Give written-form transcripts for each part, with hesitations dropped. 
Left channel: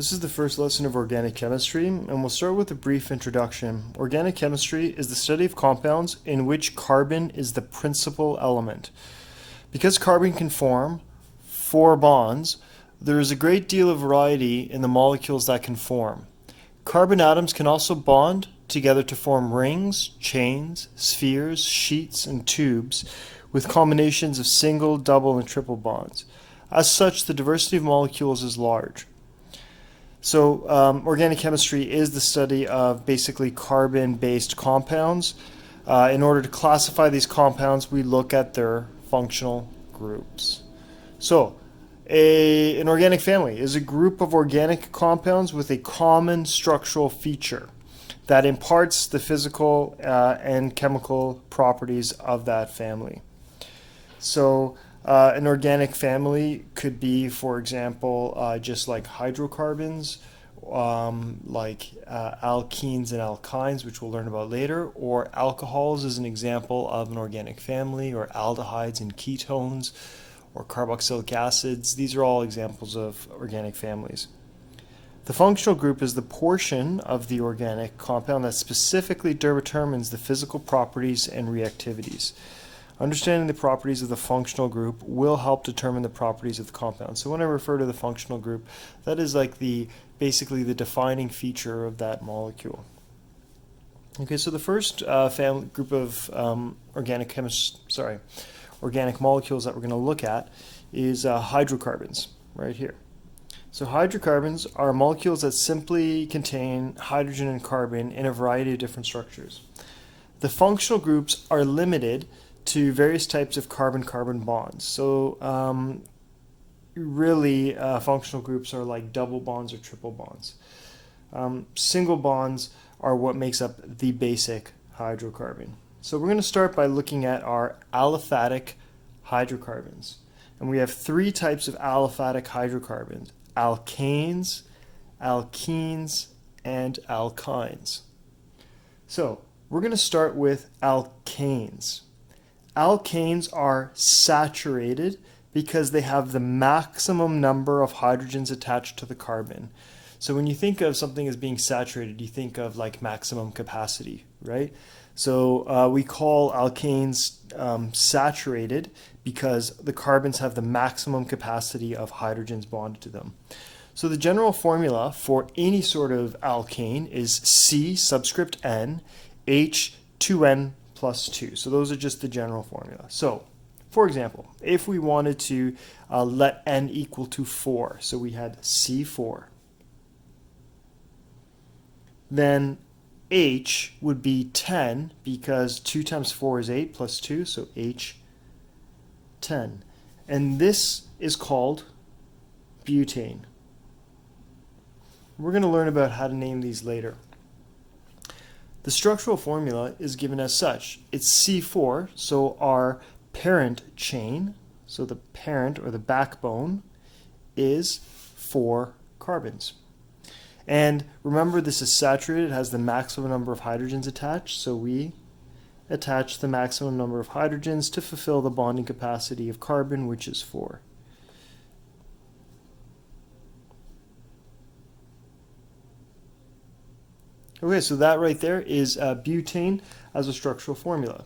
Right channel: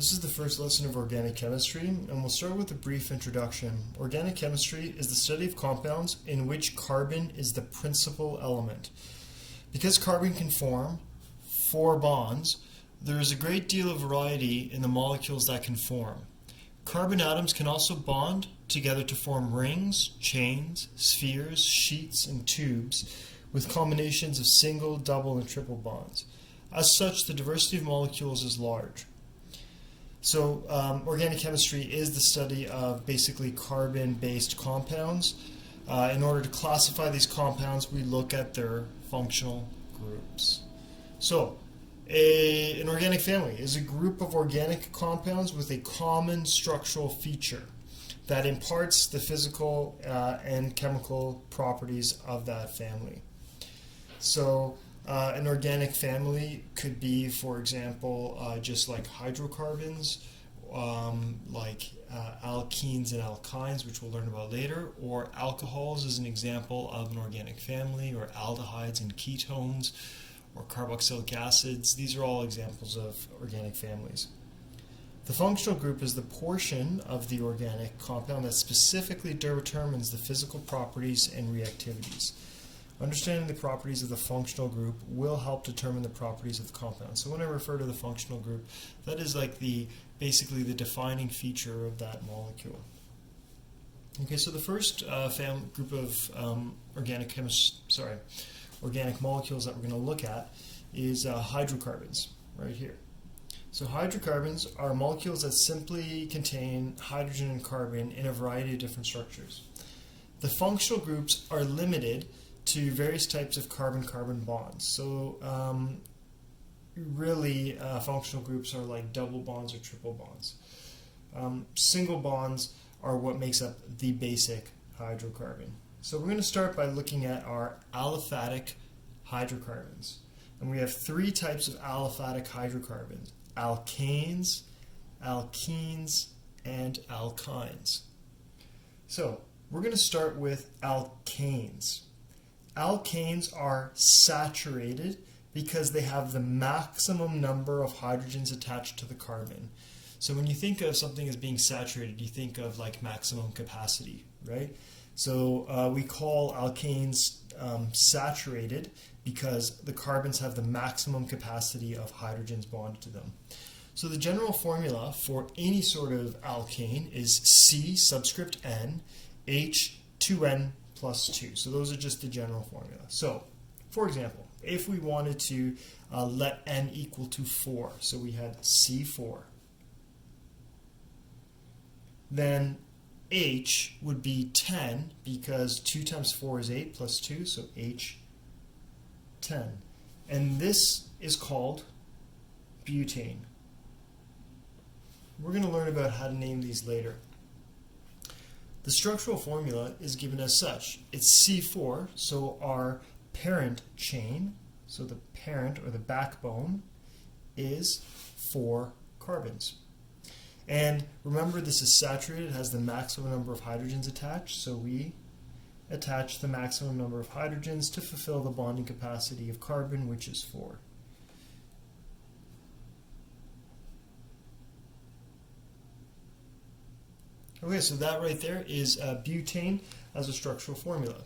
This is the first lesson of organic chemistry, and we'll start with a brief introduction. Organic chemistry is the study of compounds in which carbon is the principal element. Because carbon can form 4 bonds, there is a great deal of variety in the molecules that can form. Carbon atoms can also bond together to form rings, chains, spheres, sheets, and tubes with combinations of single, double, and triple bonds. As such, the diversity of molecules is large. So organic chemistry is the study of basically carbon-based compounds. In order to classify these compounds, we look at their functional groups. So an organic family is a group of organic compounds with a common structural feature that imparts the physical and chemical properties of that family. So an organic family could be, for example, just like hydrocarbons, like alkenes and alkynes, which we'll learn about later, or alcohols is an example of an organic family, or aldehydes and ketones, or carboxylic acids. These are all examples of organic families. The functional group is the portion of the organic compound that specifically determines the physical properties and reactivities. Understanding the properties of the functional group will help determine the properties of the compound. So when I refer to the functional group, that is like basically the defining feature of that molecule. Okay, so the first group of organic molecules that we're going to look at is hydrocarbons, right here. So hydrocarbons are molecules that simply contain hydrogen and carbon in a variety of different structures. The functional groups are limited to various types of carbon-carbon bonds. So really functional groups are like double bonds or triple bonds. Single bonds are what makes up the basic hydrocarbon. So we're going to start by looking at our aliphatic hydrocarbons. And we have 3 types of aliphatic hydrocarbons: alkanes, alkenes, and alkynes. So we're going to start with alkanes. Alkanes are saturated because they have the maximum number of hydrogens attached to the carbon. So when you think of something as being saturated, you think of like maximum capacity, right? So we call alkanes saturated because the carbons have the maximum capacity of hydrogens bonded to them. So the general formula for any sort of alkane is C subscript N H2N plus 2. So those are just the general formula. So, for example, if we wanted to let N equal to 4, so we had C4, then H would be 10 because 2 times 4 is 8 plus 2, so H10. And this is called butane. We're going to learn about how to name these later. The structural formula is given as such. It's C4, so our parent chain, so the parent or the backbone, is 4 carbons. And remember, this is saturated, it has the maximum number of hydrogens attached, so we attach the maximum number of hydrogens to fulfill the bonding capacity of carbon, which is 4. Okay, so that right there is butane as a structural formula.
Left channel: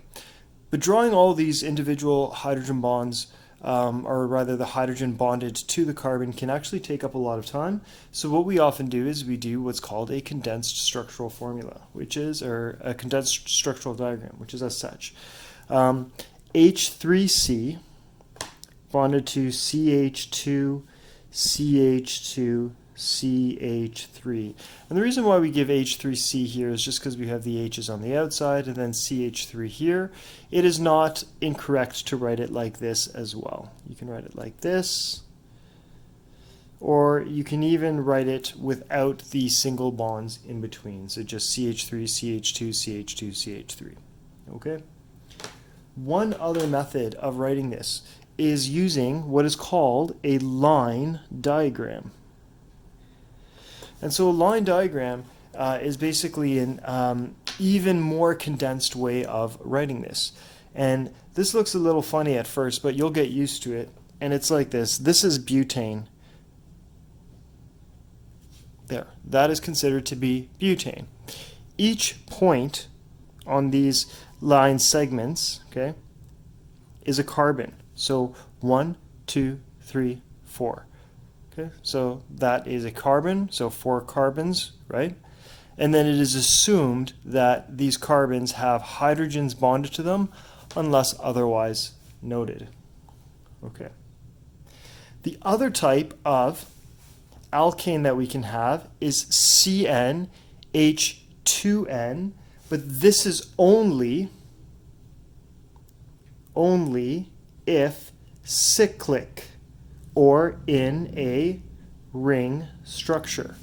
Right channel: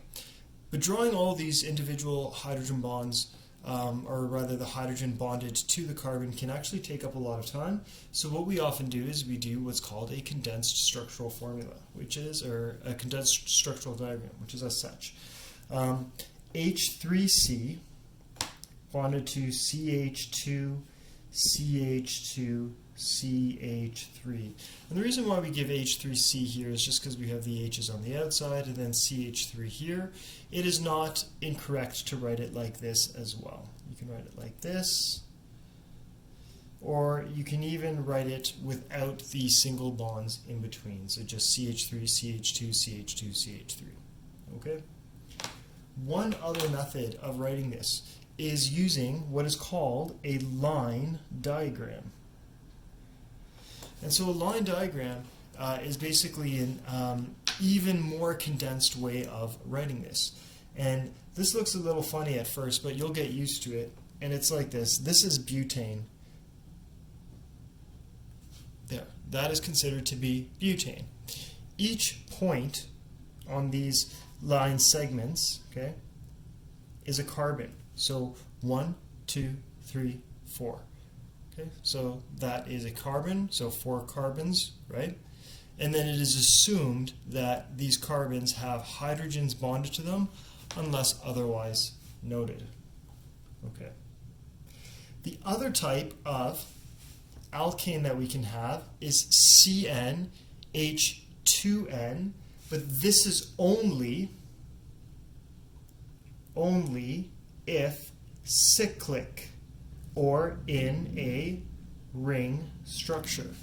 But drawing all these individual hydrogen bonds, or rather the hydrogen bonded to the carbon, can actually take up a lot of time. So what we often do is we do what's called a condensed structural formula, or a condensed structural diagram, which is as such. H3C bonded to CH2, CH2, CH3. And the reason why we give H3C here is just because we have the H's on the outside and then CH3 here. It is not incorrect to write it like this as well. You can write it like this, or you can even write it without the single bonds in between. So just CH3, CH2, CH2, CH3. Okay? One other method of writing this is using what is called a line diagram. And so a line diagram is basically an even more condensed way of writing this. And this looks a little funny at first, but you'll get used to it. And it's like this. This is butane. There, that is considered to be butane. Each point on these line segments, okay, is a carbon. So 1, 2, 3, 4. Okay, so that is a carbon, so 4 carbons, right? And then it is assumed that these carbons have hydrogens bonded to them unless otherwise noted. Okay. The other type of alkane that we can have is CnH2n, but this is only if cyclic or in a ring structure.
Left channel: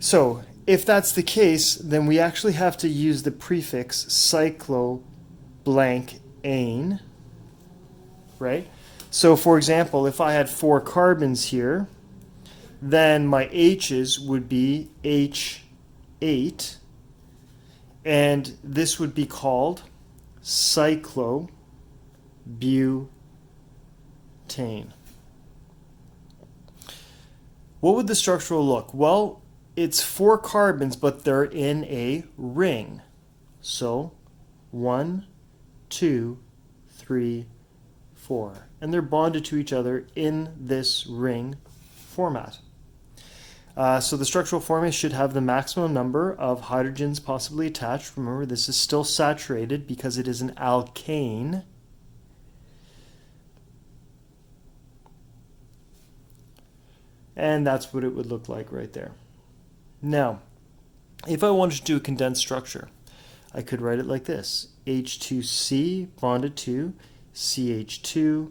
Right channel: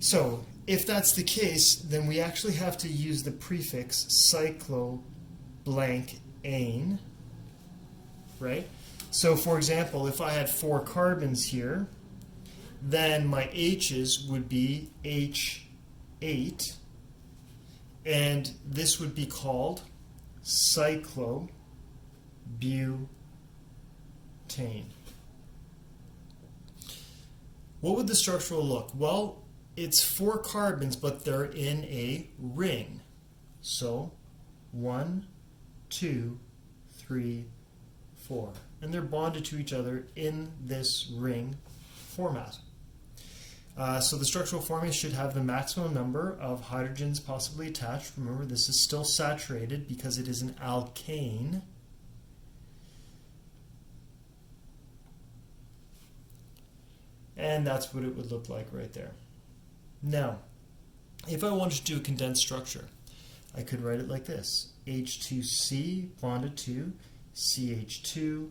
So if that's the case, then we actually have to use the prefix cyclo-blank-ane, right? So for example, if I had 4 carbons here, then my H's would be H8, and this would be called cyclobutane. What would the structural look? Well, it's 4 carbons, but they're in a ring. So 1, 2, 3, 4. And they're bonded to each other in this ring format. So the structural formula should have the maximum number of hydrogens possibly attached. Remember, this is still saturated because it is an alkane. And that's what it would look like right there. Now, if I wanted to do a condensed structure, I could write it like this. H2C bonded to CH2,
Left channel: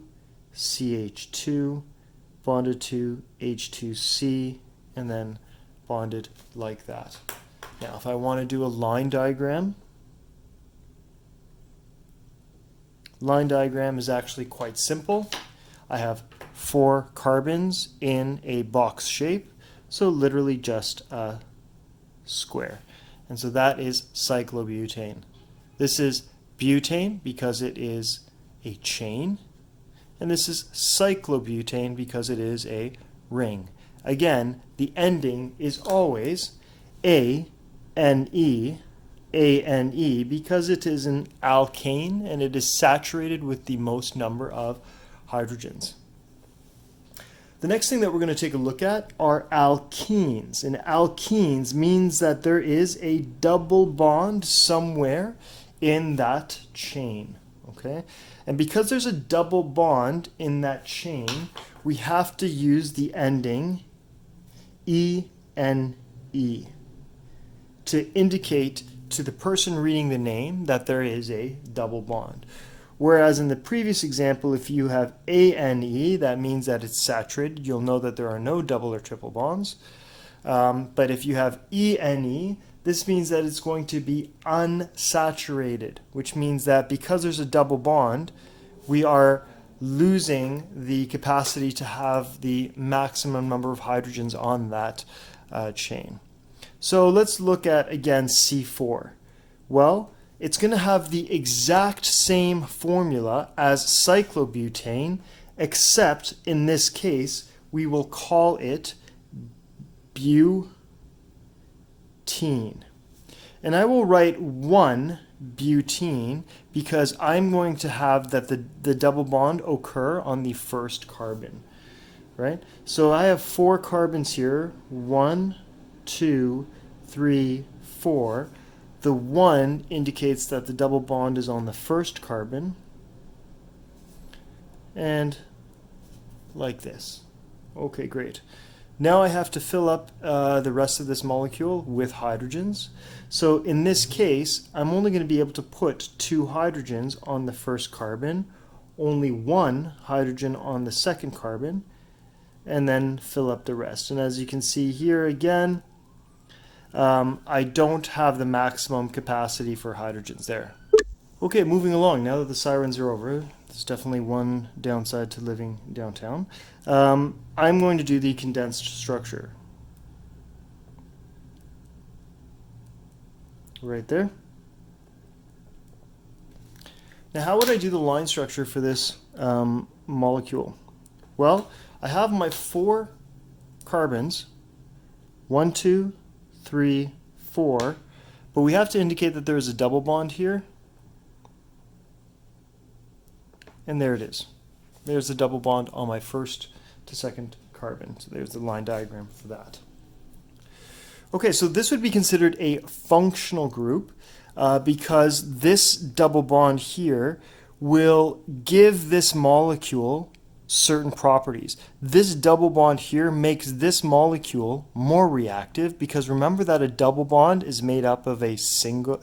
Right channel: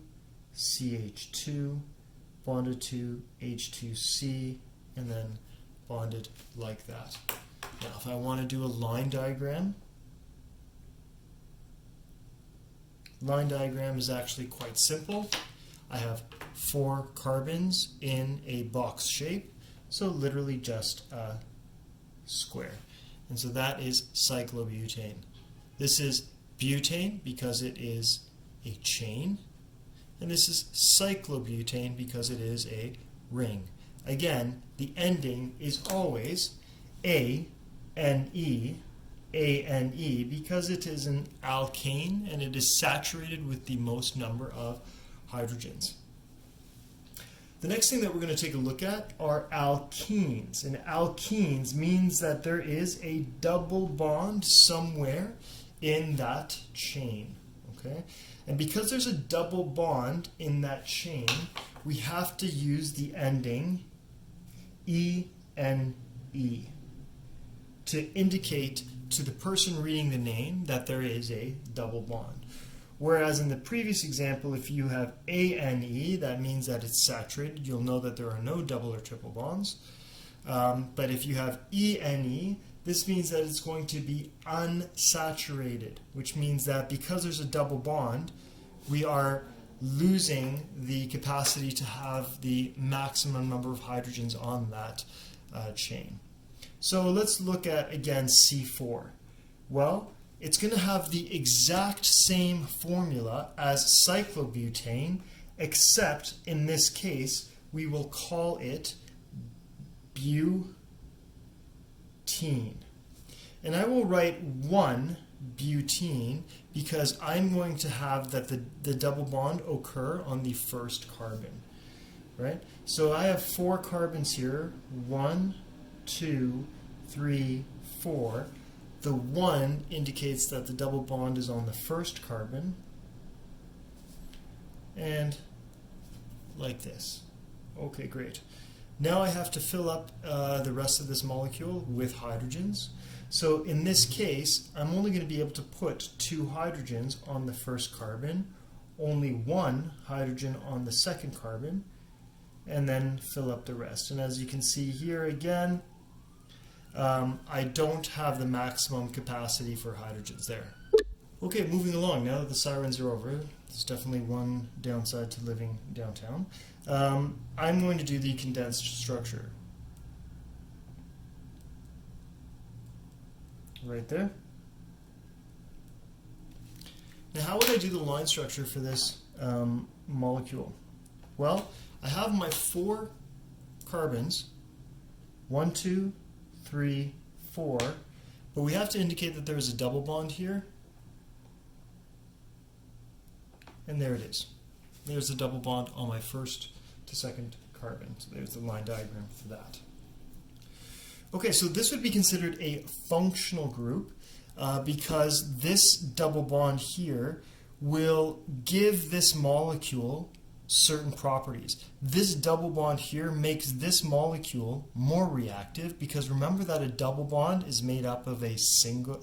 CH2 bonded to H2C, and then bonded like that. Now, if I want to do a line diagram is actually quite simple. I have 4 carbons in a box shape, so literally just a square. And so that is cyclobutane. This is butane because it is a chain, and this is cyclobutane because it is a ring. Again, the ending is always ane, because it is an alkane and it is saturated with the most number of hydrogens. The next thing that we're going to take a look at are alkenes. And alkenes means that there is a double bond somewhere in that chain. Okay? And because there's a double bond in that chain, we have to use the ending ene to indicate to the person reading the name that there is a double bond. Whereas in the previous example, if you have ane, that means that it's saturated. You'll know that there are no double or triple bonds. But if you have ene, this means that it's going to be unsaturated, which means that because there's a double bond, we are losing the capacity to have the maximum number of hydrogens on that chain. So let's look at, again, C4. Well, it's going to have the exact same formula as cyclobutane, except in this case, we will call it butene. And I will write 1 butene because I'm going to have that the double bond occur on the first carbon, right? So I have 4 carbons here, 1, 2, 3, 4. The 1 indicates that the double bond is on the first carbon, and like this. Okay, great. Now I have to fill up the rest of this molecule with hydrogens. So in this case, I'm only going to be able to put 2 hydrogens on the first carbon, only 1 hydrogen on the second carbon, and then fill up the rest. And as you can see here again, I don't have the maximum capacity for hydrogens there. Okay, moving along. Now that the sirens are over, there's definitely one downside to living downtown. I'm going to do the condensed structure. Right there. Now, how would I do the line structure for this molecule? Well, I have my 4 carbons 1, 2, 3, 4. But we have to indicate that there is a double bond here. And there it is. There's the double bond on my first to second carbon. So there's the line diagram for that. Okay, so this would be considered a functional group because this double bond here will give this molecule certain properties. This double bond here makes this molecule more reactive because remember that a double bond is made up of a sigma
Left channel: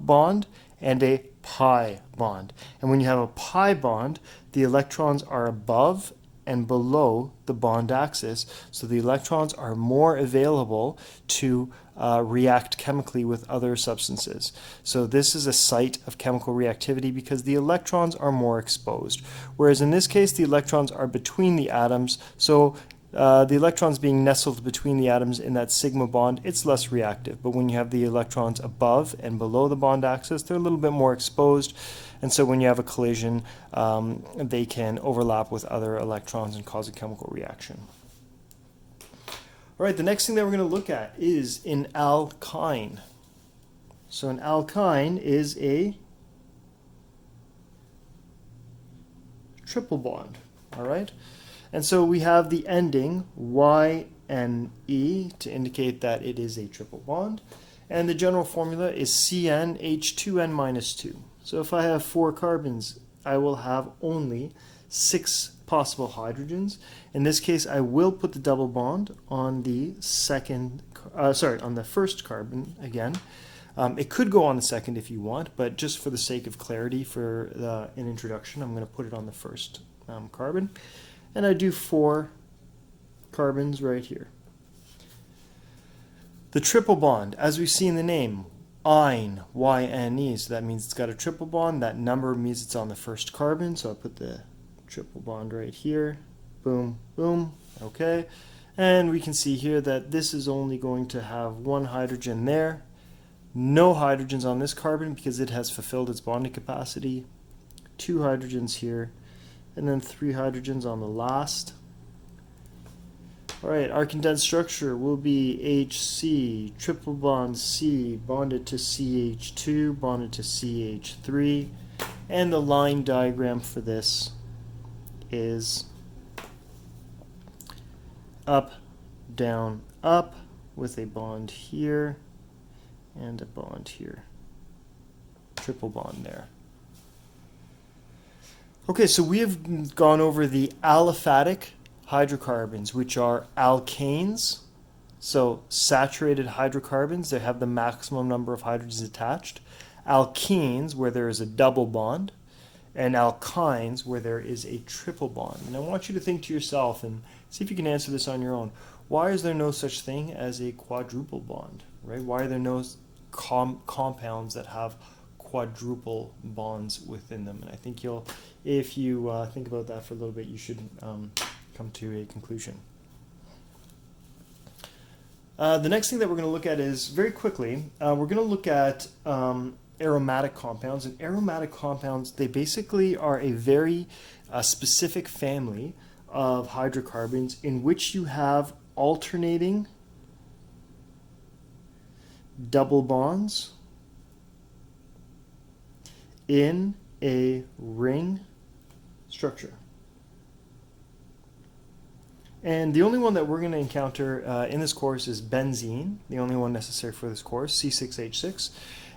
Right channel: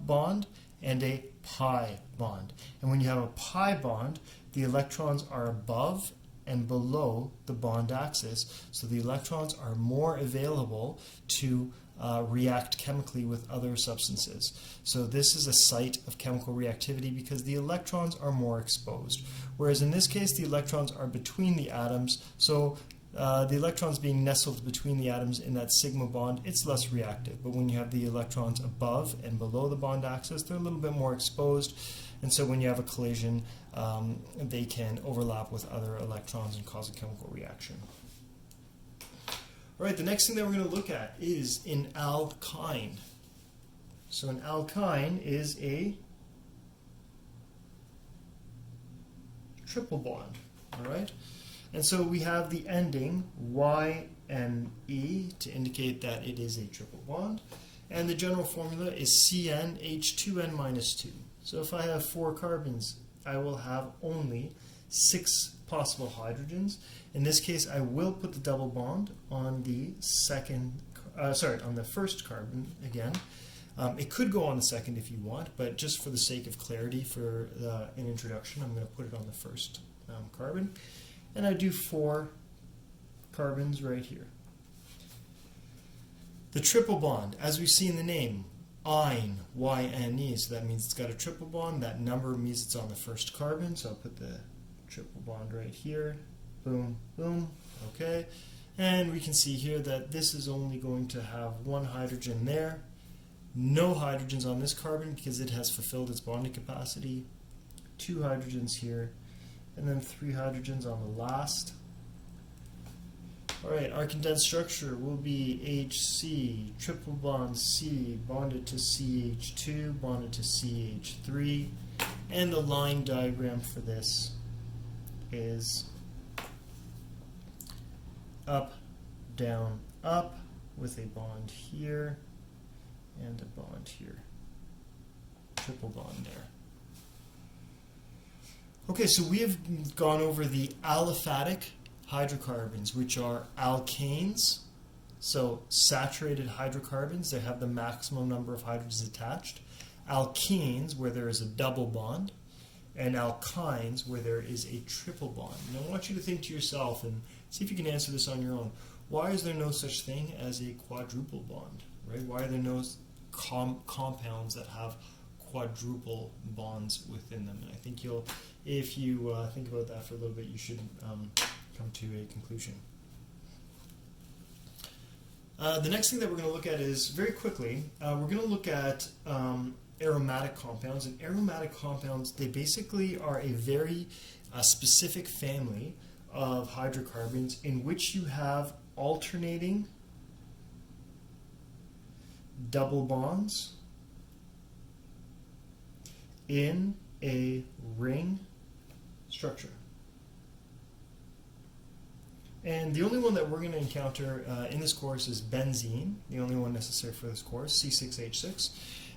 bond and a pi bond. And when you have a pi bond, the electrons are above and below the bond axis, so the electrons are more available to react chemically with other substances. So this is a site of chemical reactivity because the electrons are more exposed. Whereas in this case, the electrons are between the atoms, so the electrons being nestled between the atoms in that sigma bond, it's less reactive. But when you have the electrons above and below the bond axis, they're a little bit more exposed. And so when you have a collision, they can overlap with other electrons and cause a chemical reaction. All right, the next thing that we're going to look at is an alkyne. So an alkyne is a triple bond, all right? And so we have the ending YNE to indicate that it is a triple bond. And the general formula is CnH2n-2. So if I have 4 carbons, I will have only 6 possible hydrogens. In this case, I will put the double bond on the on the first carbon again. It could go on the second if you want, but just for the sake of clarity for an introduction, I'm going to put it on the first carbon. And I do 4 carbons right here. The triple bond, as we see in the name, yne, Y-N-E, so that means it's got a triple bond. That number means it's on the first carbon, so I'll put the triple bond right here. Boom, boom, okay. And we can see here that this is only going to have 1 hydrogen there. No hydrogens on this carbon because it has fulfilled its bonding capacity. 2 hydrogens here, and then 3 hydrogens on the last. All right, our condensed structure will be HC, triple bond C, bonded to CH2, bonded to CH3, and the line diagram for this is up, down, up, with a bond here and a bond here. Triple bond there. Okay, so we have gone over the aliphatic hydrocarbons, which are alkanes, so saturated hydrocarbons that have the maximum number of hydrogens attached, alkenes, where there is a double bond, and alkynes, where there is a triple bond. And I want you to think to yourself and see if you can answer this on your own. Why is there no such thing as a quadruple bond, right? Why are there no compounds that have quadruple bonds within them? And I think if you think about that for a little bit, you should come to a conclusion. The next thing that we're going to look at is, very quickly, we're going to look at aromatic compounds. And aromatic compounds, they basically are a very specific family of hydrocarbons in which you have alternating double bonds in a ring structure. And the only one that we're going to encounter in this course is benzene, the only one necessary for this course, C6H6.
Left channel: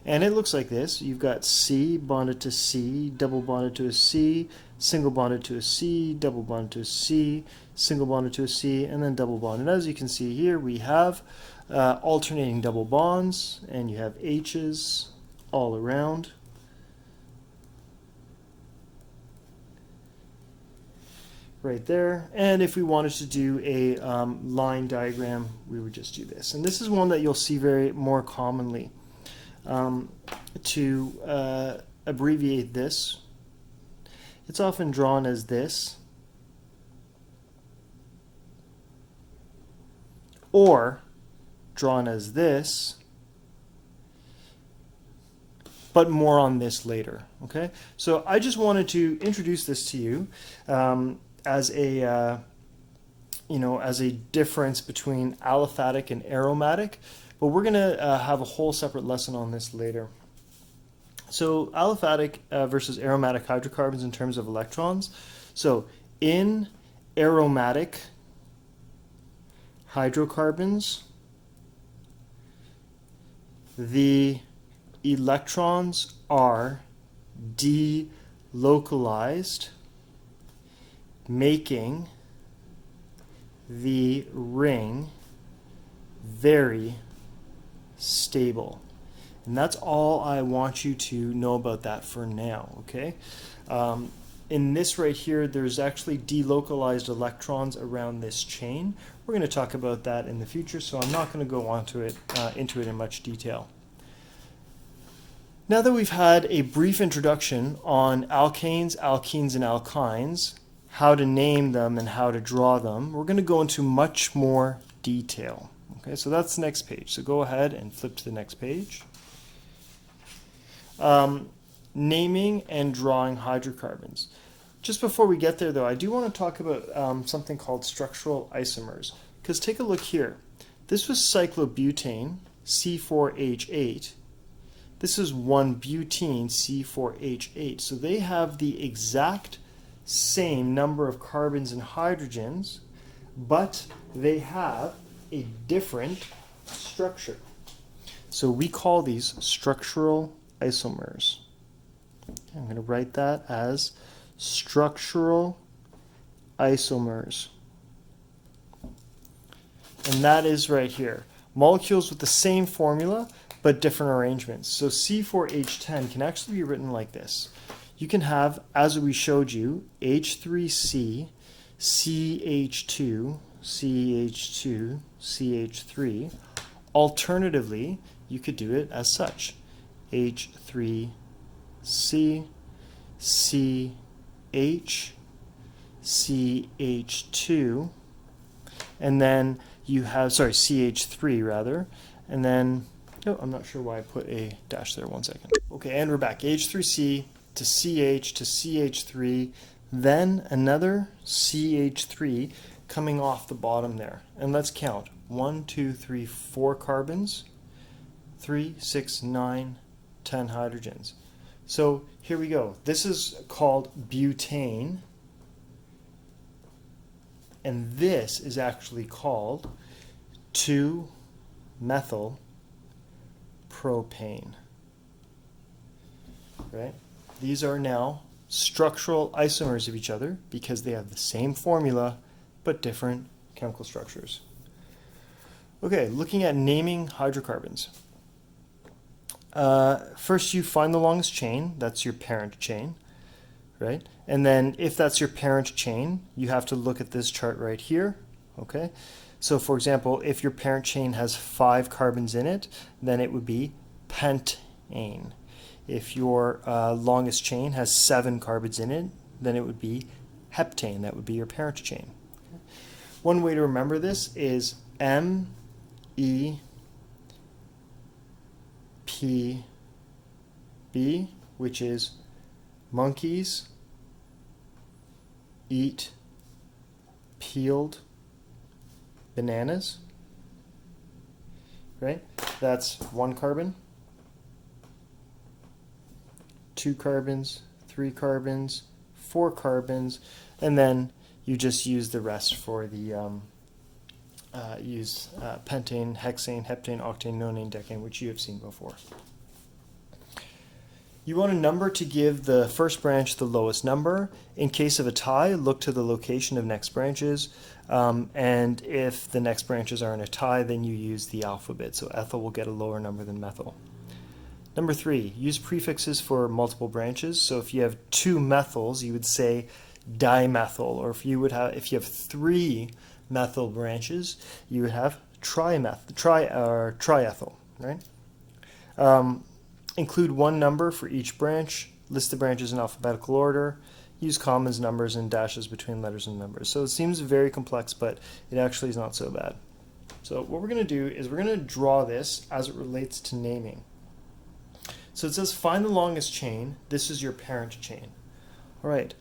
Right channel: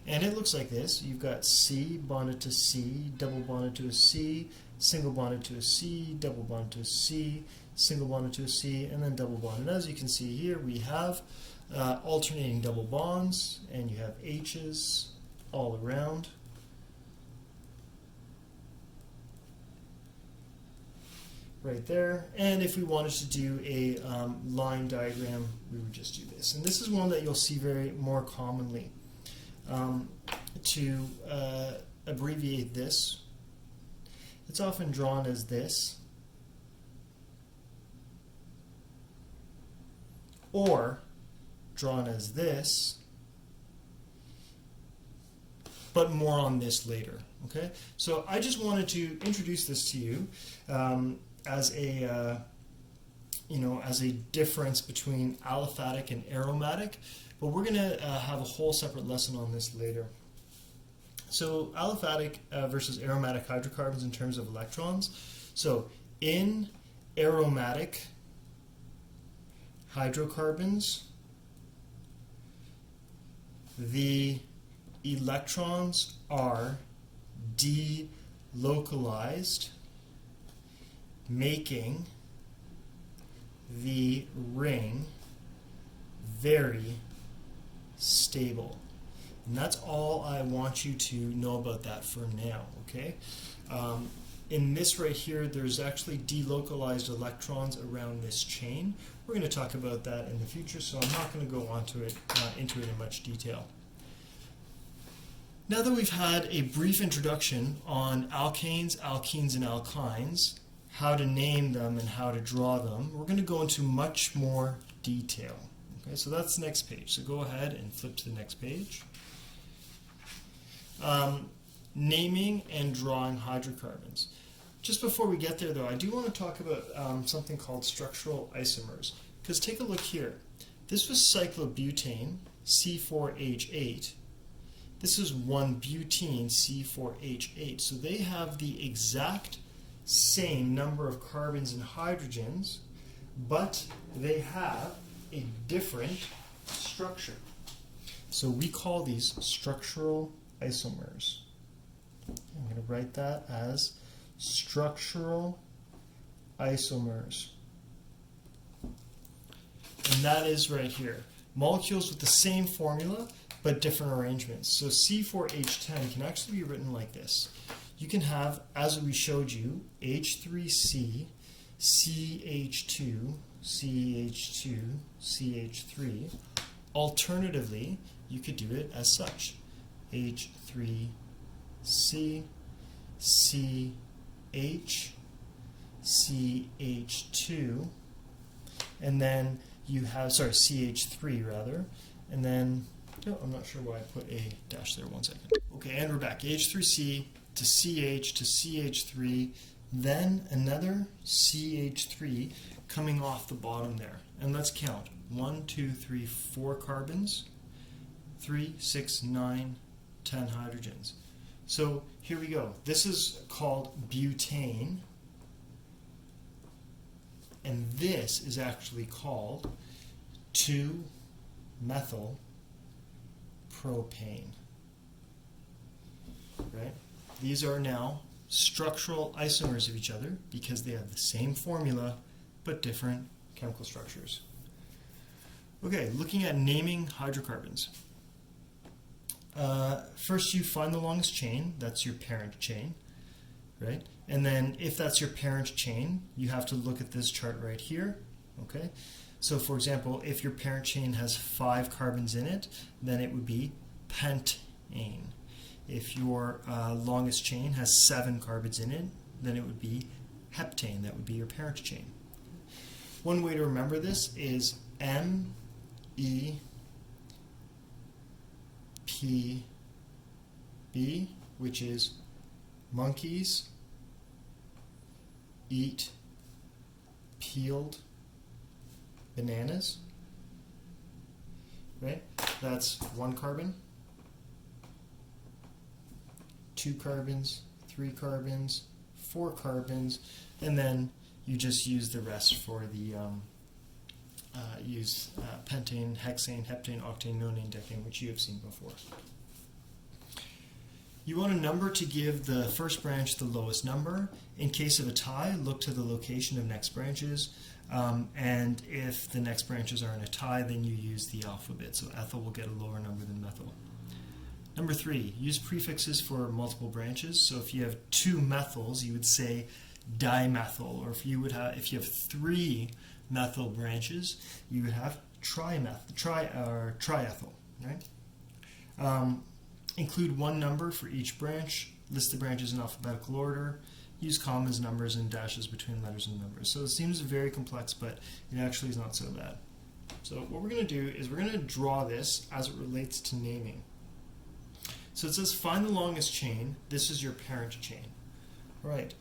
And it looks like this. You've got C bonded to C, double bonded to a C, single bonded to a C, double bonded to a C, single bonded to a C, and then double bond. And as you can see here, we have alternating double bonds, and you have H's all around. Right there. And if we wanted to do a line diagram, we would just do this. And this is one that you'll see very more commonly. To abbreviate this, it's often drawn as this, or drawn as this, but more on this later. Okay, so I just wanted to introduce this to you as a as a difference between aliphatic and aromatic, but we're going to have a whole separate lesson on this later. So aliphatic versus aromatic hydrocarbons in terms of electrons. So in aromatic hydrocarbons, the electrons are delocalized, making the ring very stable. And that's all I want you to know about that for now, okay? In this right here, there's actually delocalized electrons around this chain. We're going to talk about that in the future, so I'm not going to go into it in much detail. Now that we've had a brief introduction on alkanes, alkenes, and alkynes, how to name them and how to draw them, we're going to go into much more detail. Okay, so that's the next page. So go ahead and flip to the next page. Naming and drawing hydrocarbons. Just before we get there, though, I do want to talk about something called structural isomers. Because take a look here. This was cyclobutane, C4H8. This is 1-butene, C4H8. So they have the exact same number of carbons and hydrogens, but they have a different structure. So we call these structural isomers. I'm going to write that as structural isomers. And that is right here. Molecules with the same formula, but different arrangements. So C4H10 can actually be written like this. You can have, as we showed you, H3C, CH2, CH2, CH3. Alternatively, you could do it as such. H3C, CH, CH2, and then you have, CH3 rather, and then, oh, I'm not sure why I put a dash there, 1 second. Okay, and we're back. H3C to CH to CH3, then another CH3 coming off the bottom there. And let's count. 1, 2, 3, 4 carbons, 3, 6, 9, 10 hydrogens. So here we go. This is called butane, and this is actually called 2-methyl-propane. Right? These are now structural isomers of each other because they have the same formula but different chemical structures. Okay, looking at naming hydrocarbons. First you find the longest chain, that's your parent chain, right? And then if that's your parent chain, you have to look at this chart right here, okay? So for example, if your parent chain has 5 carbons in it, then it would be pentane. If your longest chain has 7 carbons in it, then it would be heptane. That would be your parent chain. One way to remember this is MEPB, which is monkeys eat peeled bananas, right? That's 1 carbon, 2 carbons, 3 carbons, 4 carbons, and then you just use the rest for the pentane, hexane, heptane, octane, nonane, decane, which you have seen before. You want a number to give the first branch the lowest number. In case of a tie, look to the location of next branches. And if the next branches are in a tie, then you use the alphabet. So ethyl will get a lower number than methyl. Number 3, use prefixes for multiple branches. So if you have 2 methyls, you would say dimethyl. Or if you have 3 methyl branches, you would have triethyl, right? Include 1 number for each branch. List the branches in alphabetical order. Use commas, numbers, and dashes between letters and numbers. So it seems very complex, but it actually is not so bad. So what we're going to do is we're going to draw this as it relates to naming. So it says find the longest chain. This is your parent chain. All right,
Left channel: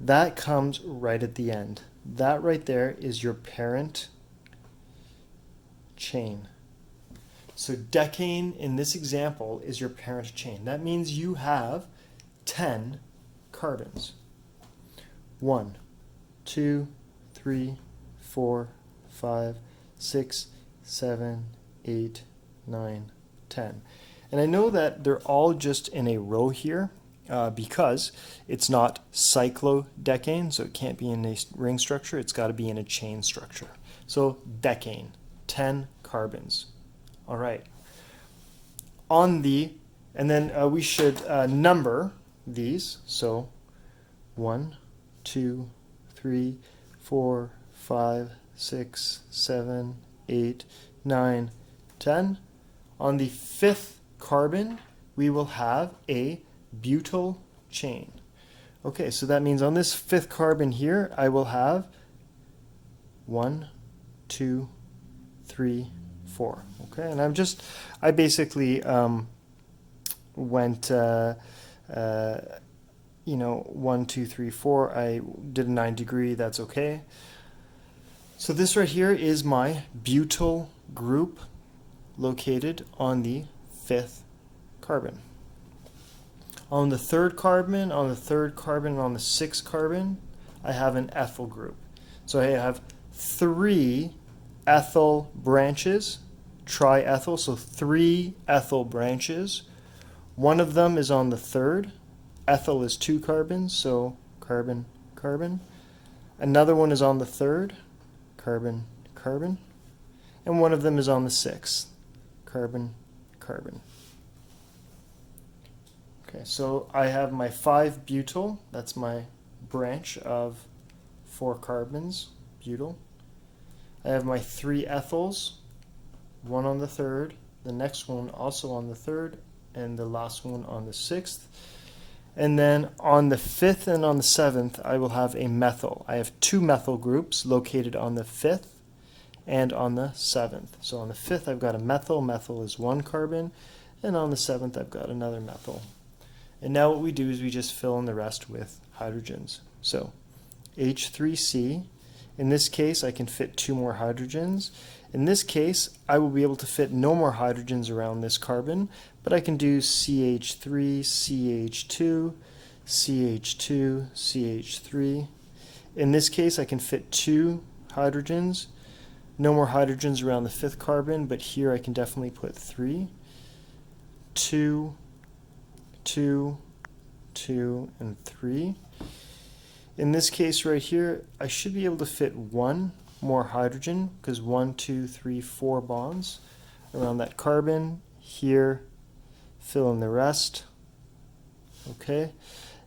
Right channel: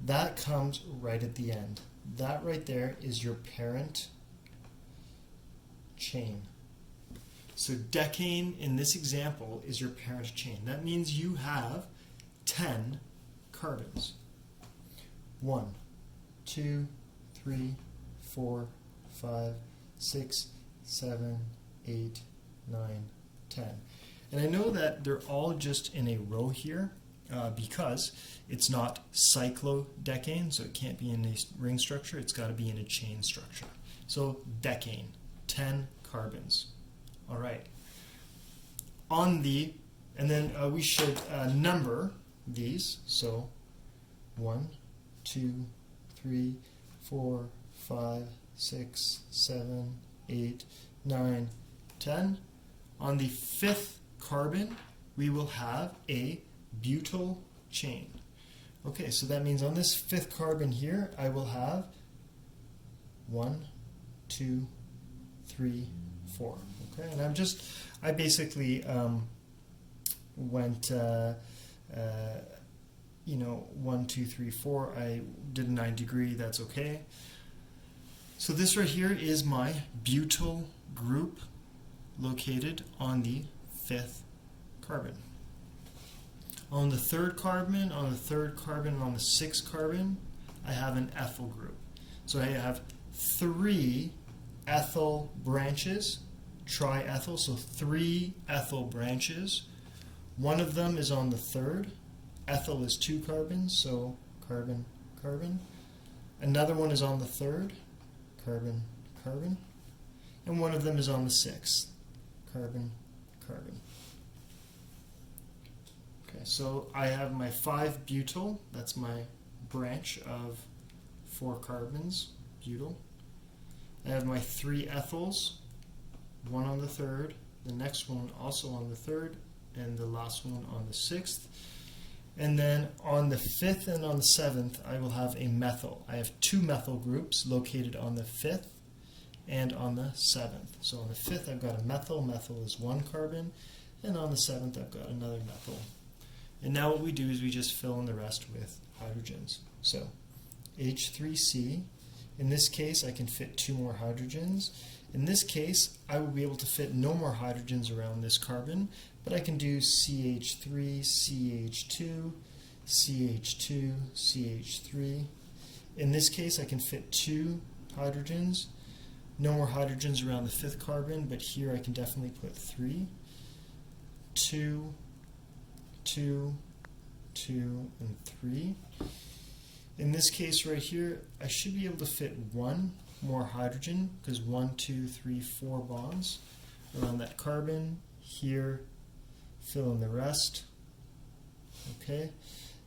that comes right at the end. That right there is your parent chain. So decane in this example is your parent chain. That means you have 10 carbons. 1, 2, 3, 4, 5, 6, 7, 8, 9, 10. And I know that they're all just in a row here because it's not cyclodecane, so it can't be in a ring structure. It's got to be in a chain structure. So decane, 10 carbons. All right. And then we should number these. So 1, 2, 3, 4, 5, 6, 7, 8, 9, 10. On the 5th carbon, we will have a butyl chain. Okay, so that means on this 5th carbon here, I will have 1, 2, 3, 4. Okay, and I basically went, 1, 2, 3, 4. I did a 9-degree, that's okay. So this right here is my butyl group located on the 5th carbon. On the 3rd carbon, on the 6th carbon, I have an ethyl group. So I have 3 ethyl branches, triethyl, so 3 ethyl branches. One of them is on the 3rd. Ethyl is 2 carbons, so carbon, carbon. Another one is on the 3rd, carbon, carbon. And one of them is on the 6th, carbon, carbon. Okay, so I have my 5-butyl, that's my branch of 4 carbons, butyl. I have my 3 ethyls, one on the 3rd, the next one also on the 3rd, and the last one on the 6th. And then on the 5th and on the 7th, I will have a methyl. I have 2 methyl groups located on the 5th and on the 7th. So on the 5th, I've got a methyl. Methyl is 1 carbon. And on the 7th, I've got another methyl. And now what we do is we just fill in the rest with hydrogens. So H3C. In this case, I can fit 2 more hydrogens. In this case, I will be able to fit no more hydrogens around this carbon, but I can do CH3, CH2, CH2, CH3. In this case, I can fit 2 hydrogens. No more hydrogens around the 5th carbon, but here I can definitely put 3. 2, 2, 2, and 3. In this case right here, I should be able to fit 1 more hydrogen, because 1, 2, 3, 4 bonds around that carbon. Here, fill in the rest. Okay,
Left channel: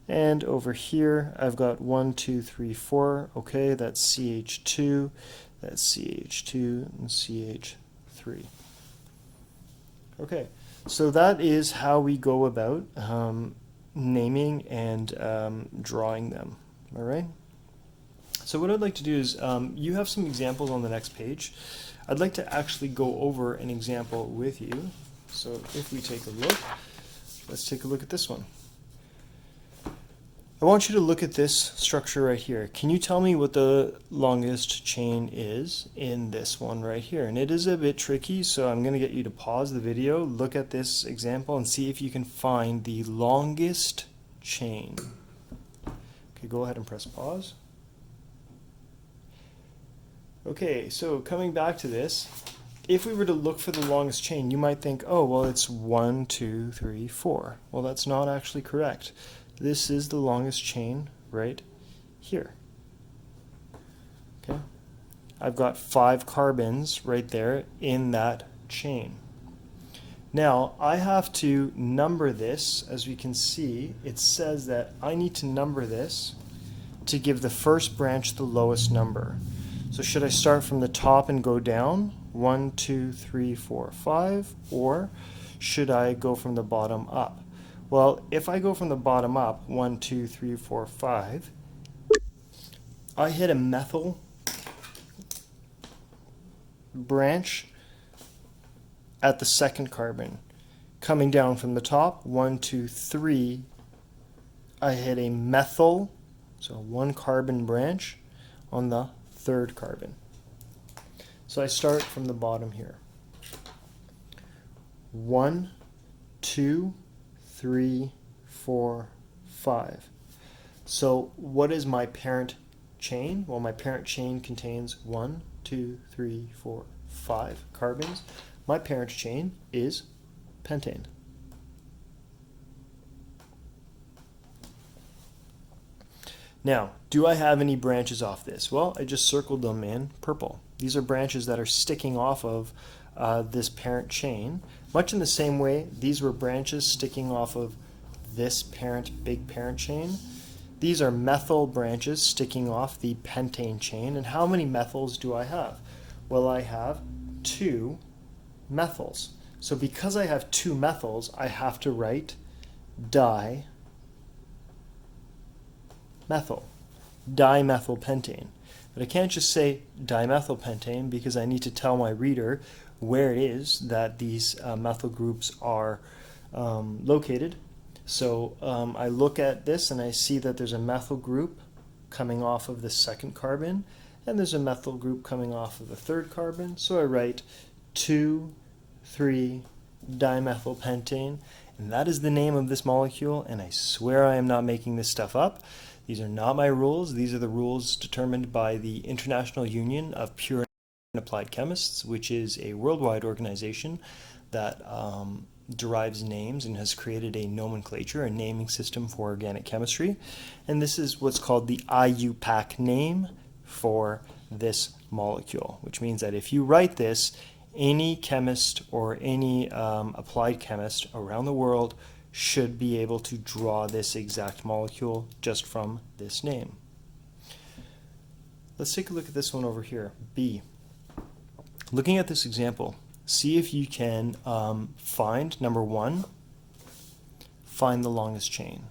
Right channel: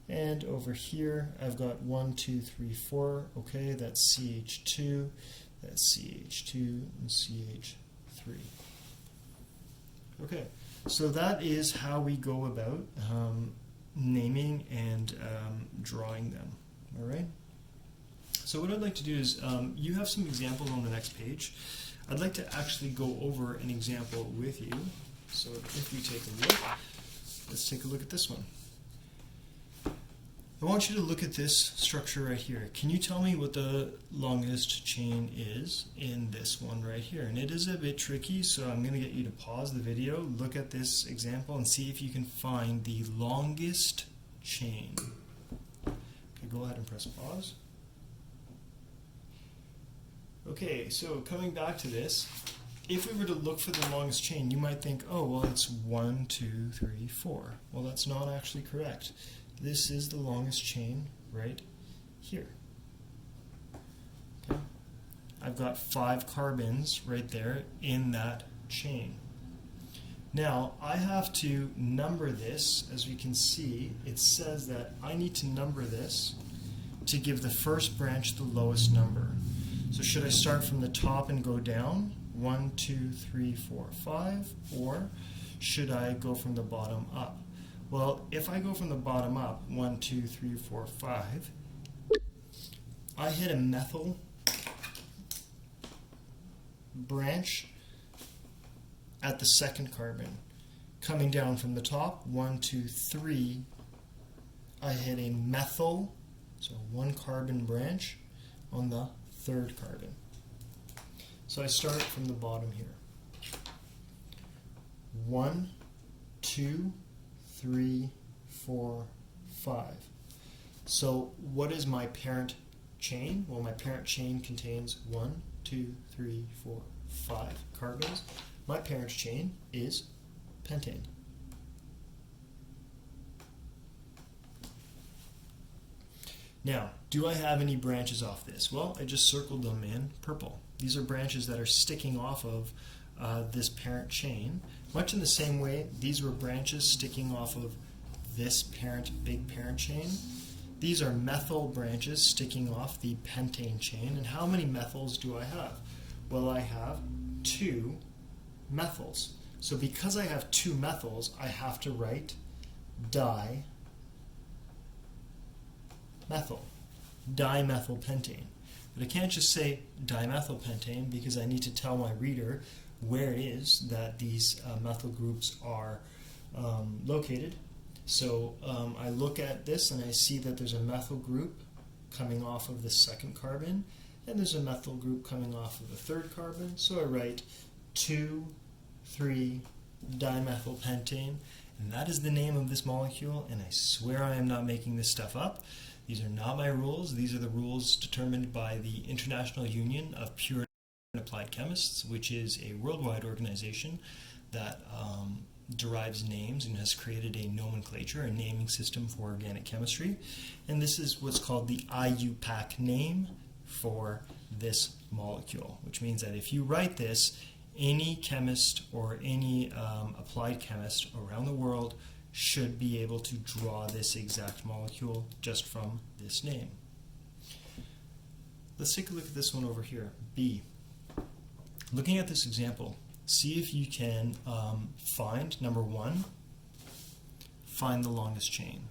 and over here I've got 1, 2, 3, 4. Okay, that's CH2, that's CH2, and CH3. Okay, so that is how we go about naming and drawing them. All right. So what I'd like to do is, you have some examples on the next page. I'd like to actually go over an example with you. So if you take a look, let's take a look at this one. I want you to look at this structure right here. Can you tell me what the longest chain is in this one right here? And it is a bit tricky, so I'm going to get you to pause the video, look at this example, and see if you can find the longest chain. Okay, go ahead and press pause. Okay, so coming back to this, if we were to look for the longest chain, you might think, oh, well, it's 1, 2, 3, 4. Well, that's not actually correct. This is the longest chain right here. Okay, I've got 5 carbons right there in that chain. Now, I have to number this. As we can see, it says that I need to number this to give the first branch the lowest number. So should I start from the top and go down, 1, 2, 3, 4, 5, or should I go from the bottom up? Well, if I go from the bottom up, 1, 2, 3, 4, 5, I hit a methyl branch at the 2nd carbon. Coming down from the top, 1, 2, 3, I hit a methyl, so 1 carbon branch on the third carbon. So I start from the bottom here. 1, 2, 3, 4, 5. So what is my parent chain? Well, my parent chain contains 1, 2, 3, 4, 5 carbons. My parent chain is pentane. Now, do I have any branches off this? Well, I just circled them in purple. These are branches that are sticking off of this parent chain. Much in the same way, these were branches sticking off of this big parent chain. These are methyl branches sticking off the pentane chain. And how many methyls do I have? Well, I have 2 methyls. So because I have 2 methyls, I have to write dimethylpentane. But I can't just say dimethylpentane because I need to tell my reader where it is that these methyl groups are located. So I look at this and I see that there's a methyl group coming off of the second carbon, and there's a methyl group coming off of the third carbon. So I write 2,3-dimethylpentane, and that is the name of this molecule, and I swear I am not making this stuff up. These are not my rules. These are the rules determined by the International Union of Pure and Applied Chemists, which is a worldwide organization that derives names and has created a nomenclature, a naming system for organic chemistry. And this is what's called the IUPAC name for this molecule, which means that if you write this, any chemist or any applied chemist around the world should be able to draw this exact molecule just from this name. Let's take a look at this one over here, B. Looking at this example, see if you can find, number 1, find the longest chain.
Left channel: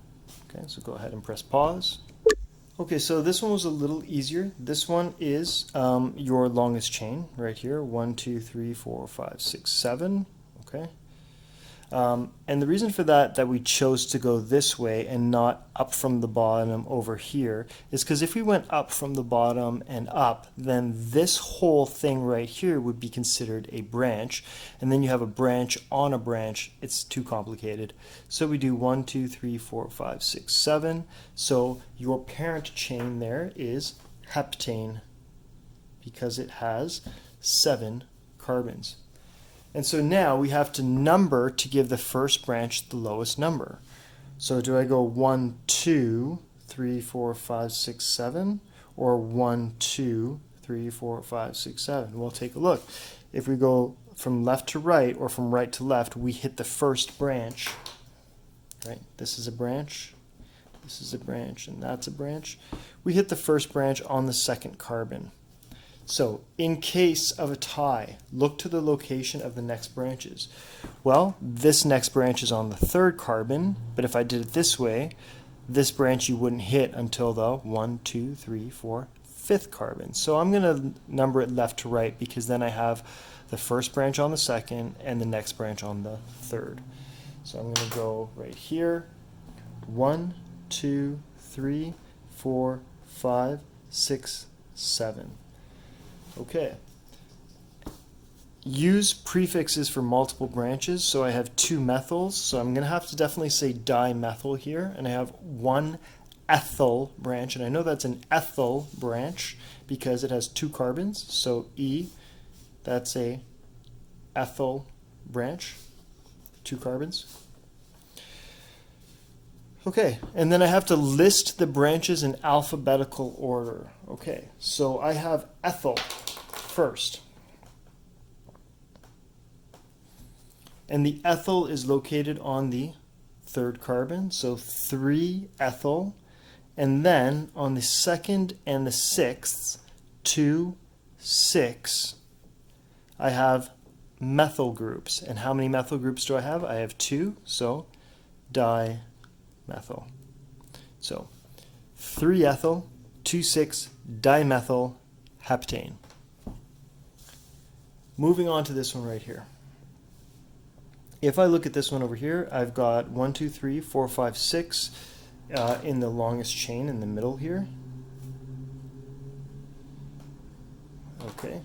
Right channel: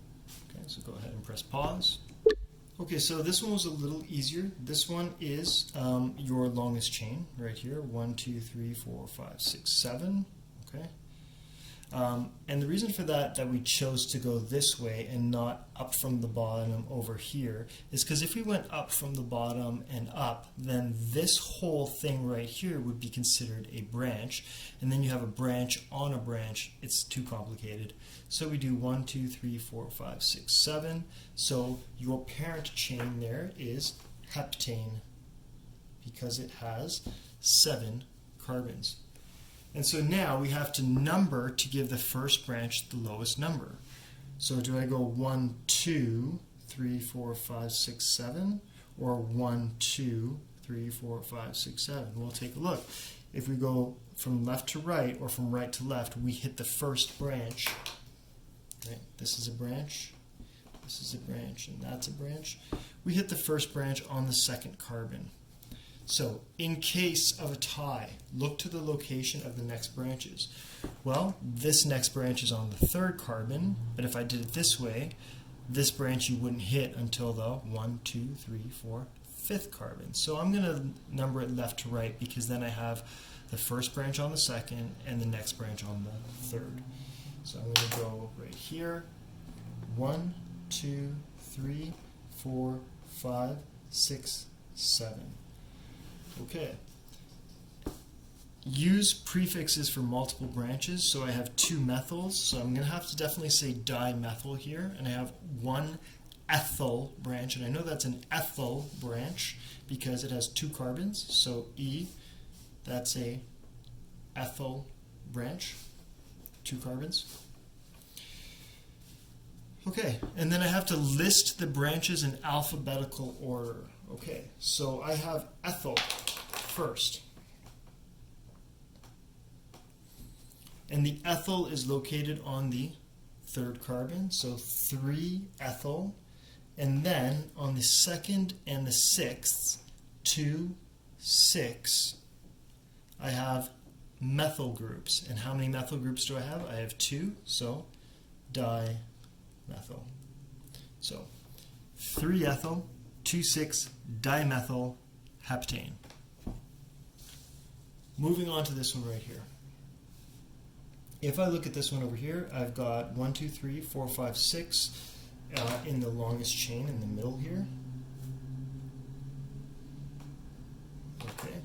Okay, so go ahead and press pause. Okay, so this one was a little easier. This one is your longest chain right here, 1, 2, 3, 4, 5, 6, 7. Okay. And the reason for that we chose to go this way and not up from the bottom over here is because if we went up from the bottom and up, then this whole thing right here would be considered a branch, and then you have a branch on a branch. It's too complicated. So we do 1, 2, 3, 4, 5, 6, 7. So your parent chain there is heptane because it has 7 carbons. And so now we have to number to give the first branch the lowest number. So do I go 1, 2, 3, 4, 5, 6, 7, or 1, 2, 3, 4, 5, 6, 7? We'll take a look. If we go from left to right or from right to left, we hit the first branch. Right? This is a branch, this is a branch, and that's a branch. We hit the first branch on the second carbon. So in case of a tie, look to the location of the next branches. Well, this next branch is on the third carbon, but if I did it this way, this branch you wouldn't hit until the 1, 2, 3, 4, 5th carbon. So I'm going to number it left to right because then I have the first branch on the second and the next branch on the third. So I'm going to go right here, 1, 2, 3, 4, 5, 6, 7. Okay. Use prefixes for multiple branches. So I have 2 methyls, so I'm going to have to definitely say dimethyl here, and I have 1 ethyl branch, and I know that's an ethyl branch because it has 2 carbons. So E, that's a ethyl branch, 2 carbons. Okay, and then I have to list the branches in alphabetical order. Okay, so I have ethyl first. And the ethyl is located on the third carbon, so 3-ethyl. And then on the second and the 6th, 2, 6, I have methyl groups. And how many methyl groups do I have? I have 2, so dimethyl. So 3-ethyl, 2,6-dimethyl heptane. Moving on to this one right here. If I look at this one over here, I've got 1, 2, 3, 4, 5, 6 in the longest chain in the middle here. Okay,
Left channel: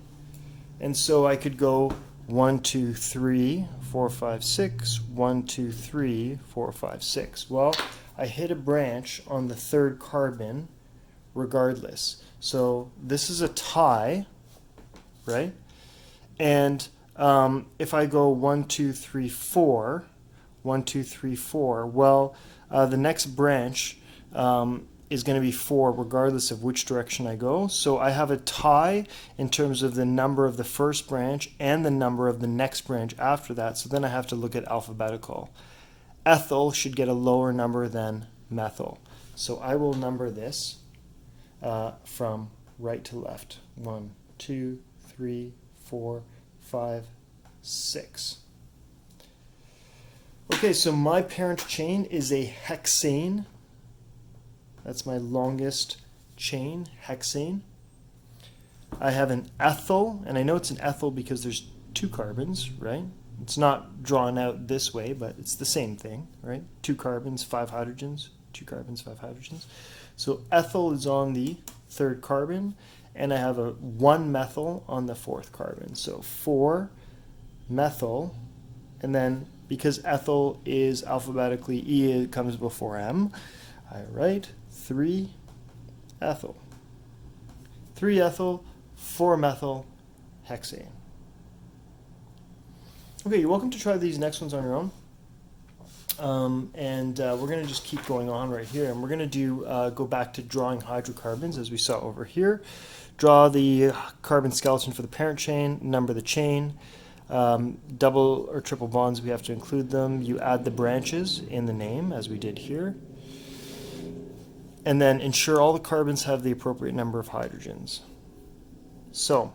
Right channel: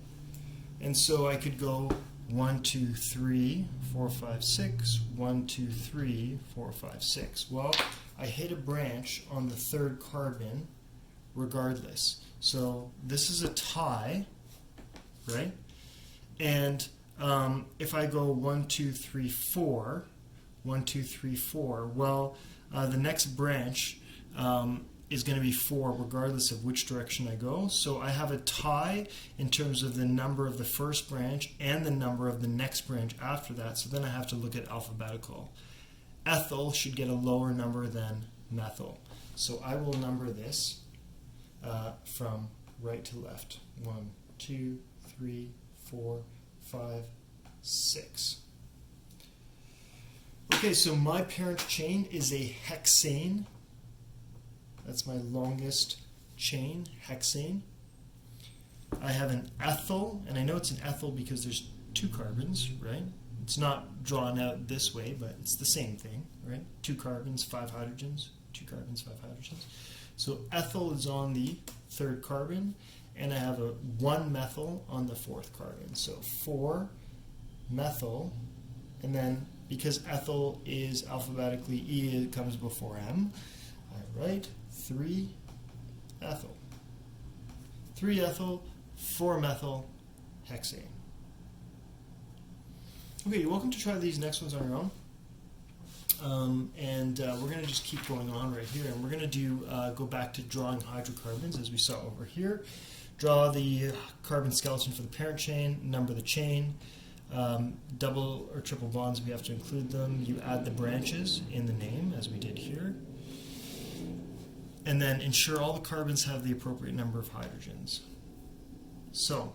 and so I could go 1, 2, 3, 4, 5, 6, 1, 2, 3, 4, 5, 6. Well, I hit a branch on the third carbon regardless. So this is a tie, right? And if I go 1, 2, 3, 4, 1, 2, 3, 4, well, the next branch is going to be 4 regardless of which direction I go. So I have a tie in terms of the number of the first branch and the number of the next branch after that. So then I have to look at alphabetical. Ethyl should get a lower number than methyl. So I will number this from right to left. 1, 2, 3, 4, 5, 6. Okay, so my parent chain is a hexane. That's my longest chain, hexane. I have an ethyl, and I know it's an ethyl because there's 2 carbons, right? It's not drawn out this way, but it's the same thing, right? 2 carbons, 5 hydrogens, 2 carbons, 5 hydrogens. So ethyl is on the third carbon, and I have a 1 methyl on the fourth carbon. So 4 methyl, and then because ethyl is alphabetically E, it comes before M. I write 3 ethyl. 3 ethyl, 4 methyl, hexane. Okay, you're welcome to try these next ones on your own. We're going to just keep going on right here. And we're going to do go back to drawing hydrocarbons as we saw over here. Draw the carbon skeleton for the parent chain, number the chain. Double or triple bonds, we have to include them. You add the branches in the name as we did here. And then ensure all the carbons have the appropriate number of hydrogens. So,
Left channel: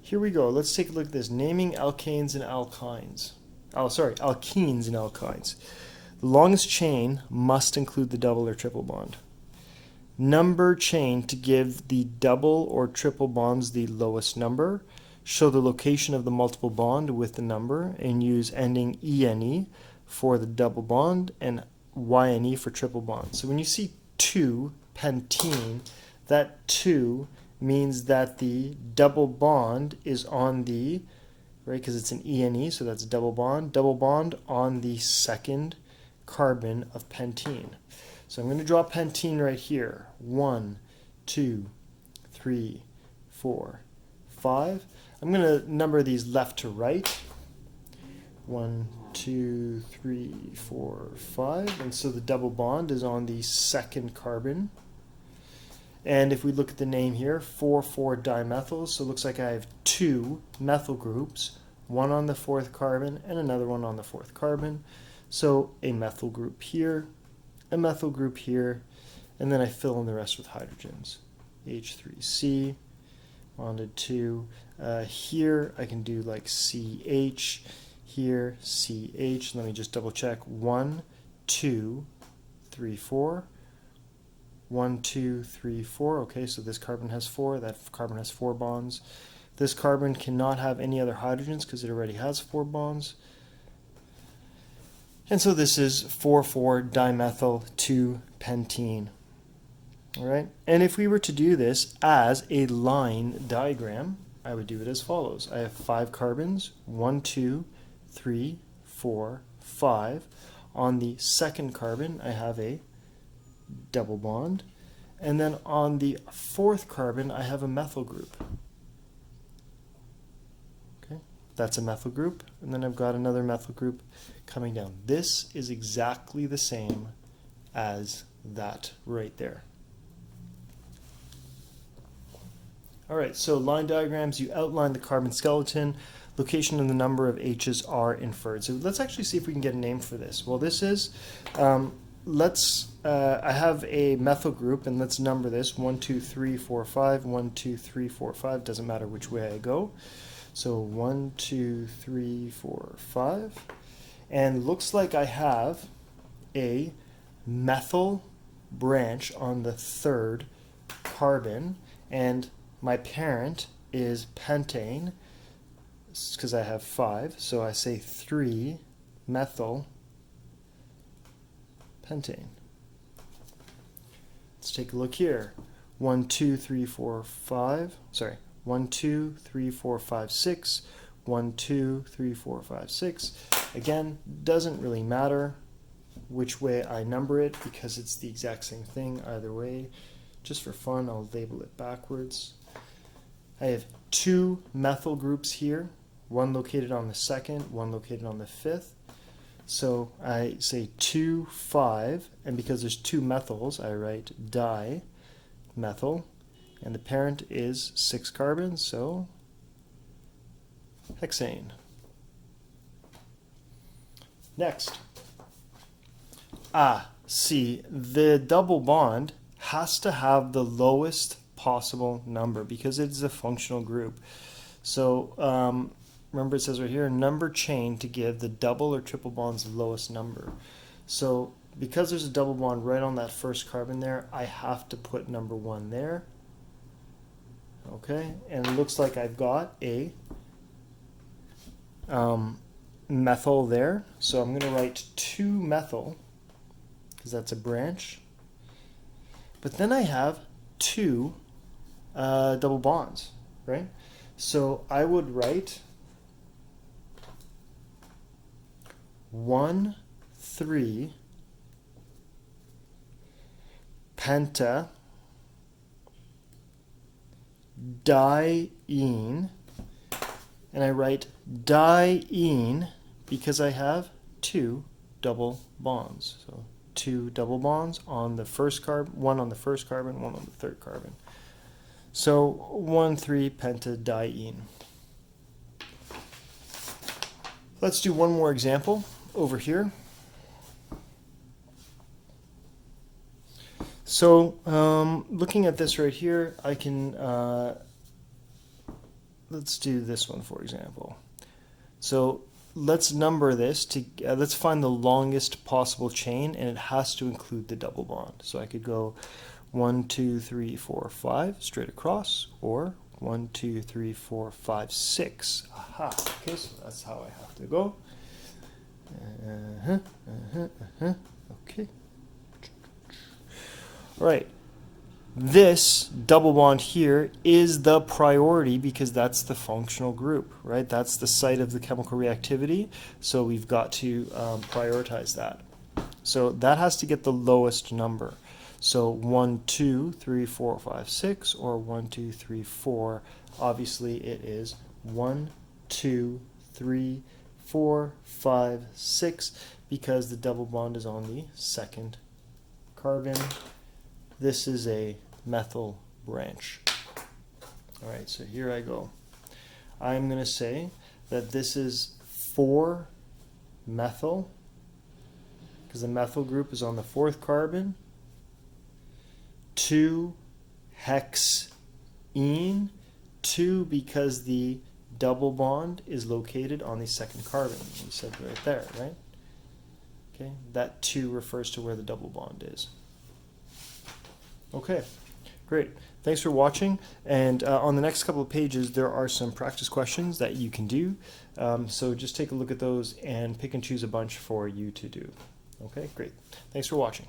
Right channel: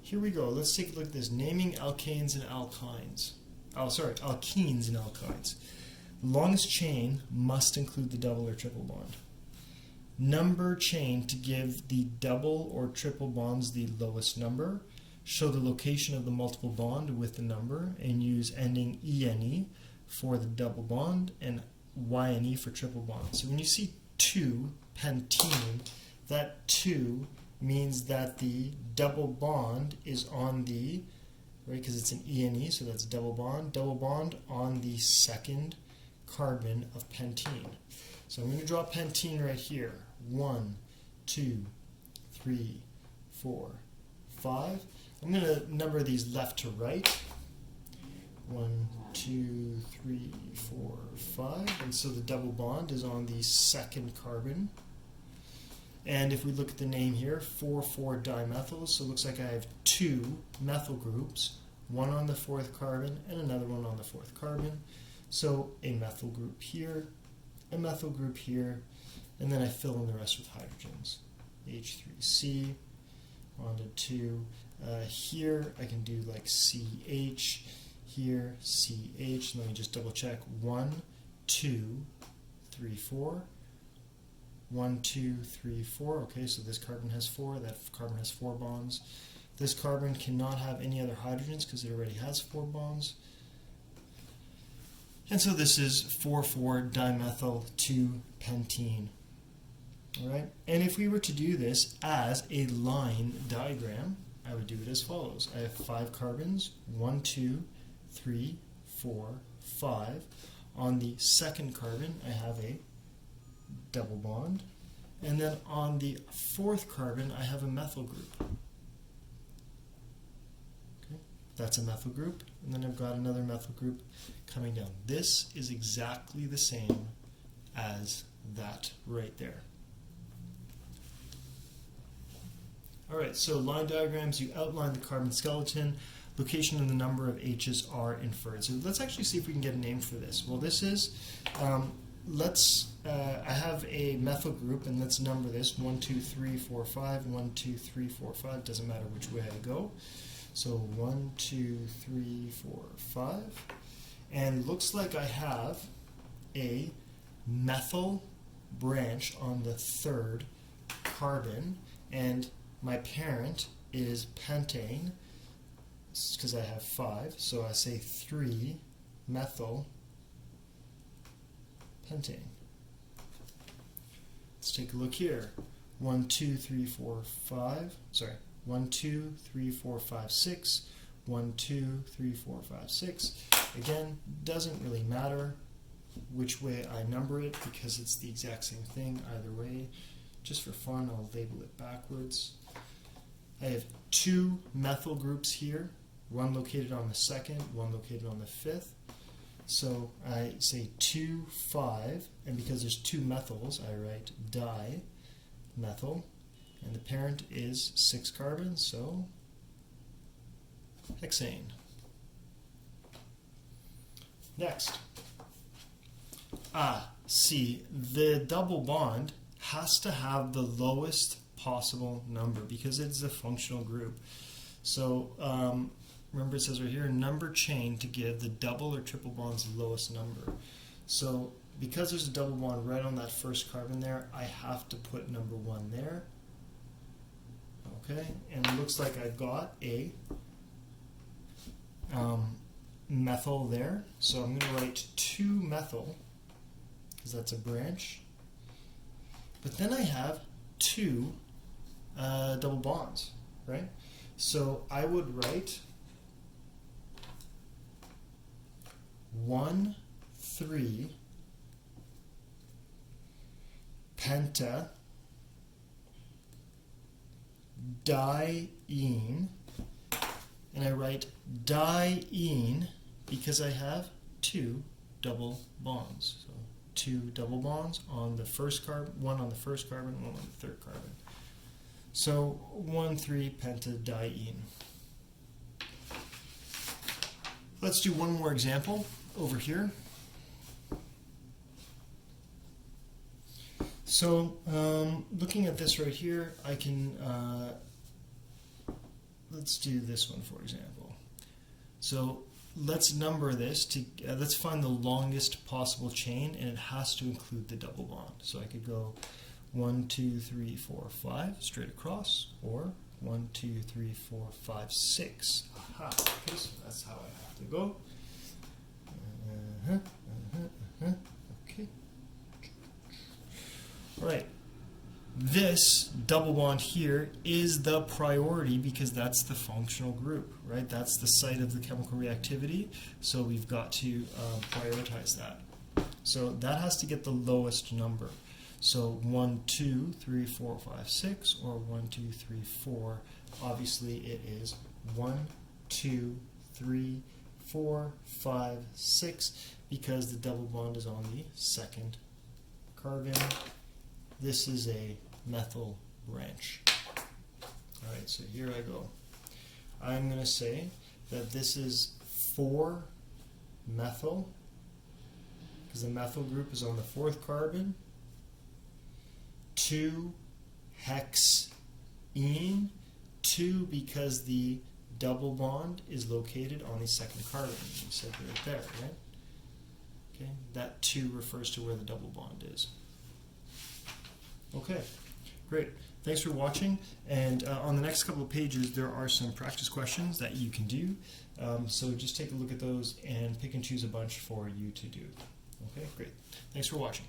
here we go. Let's take a look at this. Naming alkanes and alkynes. Alkenes and alkynes. The longest chain must include the double or triple bond. Number chain to give the double or triple bonds the lowest number. Show the location of the multiple bond with the number and use ending ene for the double bond and YNE for triple bond. So when you see 2 pentene, that 2 means that the double bond is on the, right, because it's an ENE, so that's double bond on the second carbon of pentene. So I'm going to draw pentene right here. 1, 2, 3, 4, 5. I'm going to number these left to right. 1, 2, 3, 4, 5. And so the double bond is on the second carbon. And if we look at the name here, 4,4-dimethyl, so it looks like I have 2 methyl groups, one on the fourth carbon and another one on the fourth carbon. So a methyl group here, a methyl group here, and then I fill in the rest with hydrogens. H3C, bonded to. Here I can do like CH, here CH. Let me just double check. 1, 2, 3, 4. 1, 2, 3, 4. Okay, so this carbon has 4. That carbon has 4 bonds. This carbon cannot have any other hydrogens because it already has 4 bonds. And so this is 4,4-dimethyl 2-pentene. All right, and if we were to do this as a line diagram, I would do it as follows. I have 5 carbons, 1, 2, 3, 4, 5. On the second carbon, I have a double bond. And then on the fourth carbon, I have a methyl group. Okay, that's a methyl group. And then I've got another methyl group coming down. This is exactly the same as that right there. All right, so line diagrams, you outline the carbon skeleton, location and the number of H's are inferred. So let's actually see if we can get a name for this. Well, this is, I have a methyl group, and let's number this, 1, 2, 3, 4, 5, 1, 2, 3, 4, 5, doesn't matter which way I go. So 1, 2, 3, 4, 5, and looks like I have a methyl branch on the third carbon, and my parent is pentane, because I have 5, so I say 3-methyl pentane. Let's take a look here. 1, 2, 3, 4, 5. Sorry, 1, 2, 3, 4, 5, 6. 1, 2, 3, 4, 5, 6. Again, doesn't really matter which way I number it because it's the exact same thing either way. Just for fun, I'll label it backwards. I have 2 methyl groups here, one located on the second, one located on the fifth. So I say 2, 5, and because there's 2 methyls, I write dimethyl, and the parent is 6 carbons, so hexane. Next. See, the double bond has to have the lowest possible number because it's a functional group. So remember it says right here, number chain to give the double or triple bond's lowest number. So because there's a double bond right on that first carbon there, I have to put number 1 there. Okay, and it looks like I've got a methyl there. So I'm going to write 2 methyl because that's a branch. But then I have 2 double bonds, right? So I would write 1, 3 penta diene, and I write diene because I have 2 double bonds. So 2 double bonds on the first carbon, 1 on the first carbon, 1 on the third carbon. So 1, 3 pentadiene. Let's do one more example over here. So looking at this right here, I can, let's do this one for example. So let's number this to, let's find the longest possible chain, and it has to include the double bond. So I could go 1, 2, 3, 4, 5 straight across, or 1, 2, 3, 4, 5, 6. Aha, okay, so that's how I have to go. Okay. All right. This double bond here is the priority because that's the functional group, right? That's the site of the chemical reactivity, so we've got to prioritize that. So that has to get the lowest number. So 1, 2, 3, 4, 5, 6, or 1, 2, 3, 4. Obviously it is 1, 2, 3, 4, 5, 6 because the double bond is on the second carbon. This is a methyl branch. All right, so here I go. I'm going to say that this is 4 methyl because the methyl group is on the 4th carbon. 2 hexene, 2 because the double bond is located on the 2nd carbon. You said right there, right? Okay, that 2 refers to where the double bond is. Okay, great. Thanks for watching. And on the next couple of pages, there are some practice questions that you can do. So just take a look at those and pick and choose a bunch for you to do. Okay, great. Thanks for watching.